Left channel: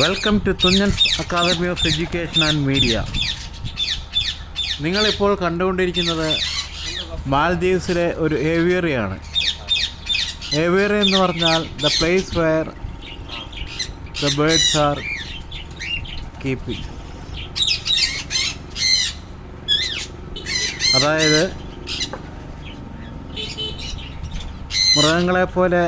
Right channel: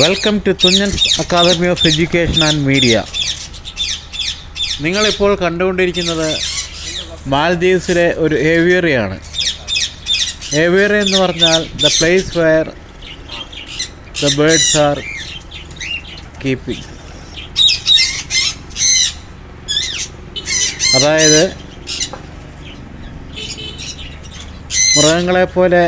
Welcome to Thunchan's academy of education and media. നിങ്ങളിപ്പോൾ കണ്ടുകൊണ്ടിരിക്കുന്നത് മാൽദീവ്സിലെ ഒരു ഏവിയറിയാണ്. ഏവിയറി എന്ന് പറഞ്ഞാൽ the place where the birds are keeping. അതായത് മൃഗങ്ങളെപ്പോലെ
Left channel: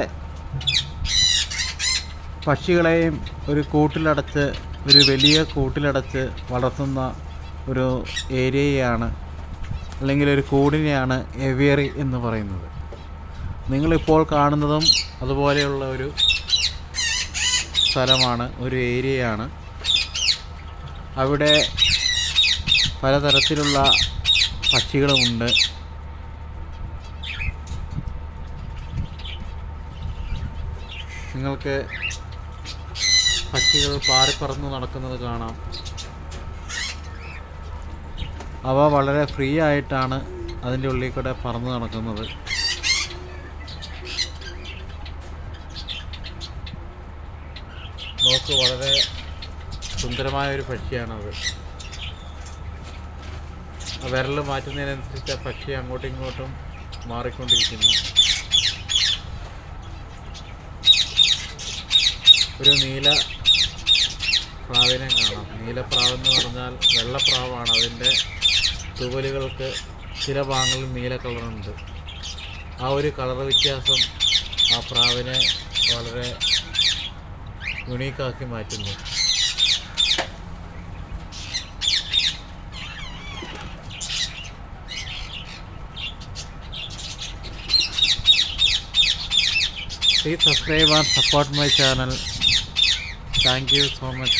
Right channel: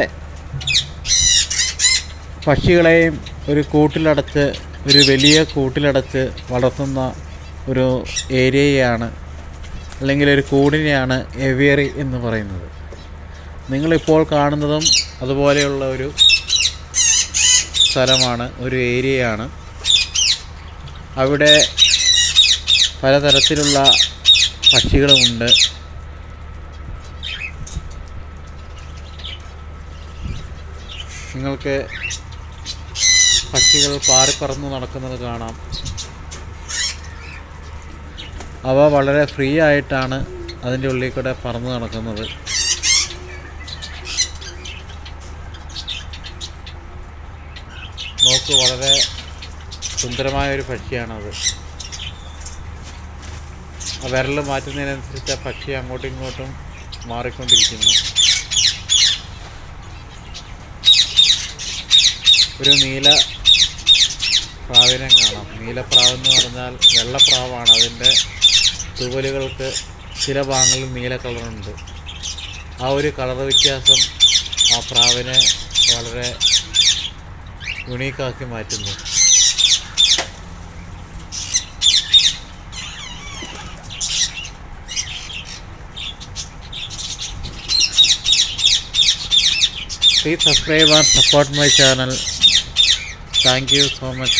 പക്ഷികളെയും ഒരു കൂട്ടിലടച്ച്, ഒരു വലിയ കൂട്ടിലടച്ച് വളർത്തുന്ന ഒരു ഏരിയയാണ്, അല്ലെങ്കിൽ ഒരു കൂടിനെയാണ് ഏവിയറി എന്ന് പറയുന്നത്. നിങ്ങളിപ്പോൾ കാണുന്നതും അതുപോലെയുള്ള ഒരു സ്ഥലമാണ്, ഒരു ഏരിയയാണ്. അവിടെ പലതരത്തിലുള്ള പക്ഷികളുമുണ്ട്. നിങ്ങൾക്ക് പക്ഷികൾ പാറിപ്പറന്ന് നടക്കുന്നത് കാണാം. അവ വളരെ ഫ്രീ ആയിട്ടാണ് അതിൻ്റെ ഉള്ളിൽ കൂടെ പറന്ന് നടക്കുന്നത്. നോക്ക്, വളരെ സുന്ദരമായൊരു പക്ഷിയാണത്. ആ വിരൽ മാറ്റുന്നതിനനുസരിച്ച് ആ പക്ഷി അങ്ങോട്ടും ഇങ്ങോട്ടും മാറിക്കൊണ്ടിരിക്കുന്നു. ഒരു നീല പ്രാവിനെ കാണാം. നീലപ്രാവെന്ന് പറഞ്ഞാൽ വെള്ളപ്രാവാണ്. അതിൻ്റെ തൂവലുകൾക്ക് ചില ഭാഗങ്ങളിൽ നീല കളറുണ്ട്. ആ ഒരു കളർ വ്യത്യാസം ആ പ്രാവിനെ വളരെ യുണീക്കാക്കി മാറ്റുന്നു. Please subscribe and support my channel. Thank you so much.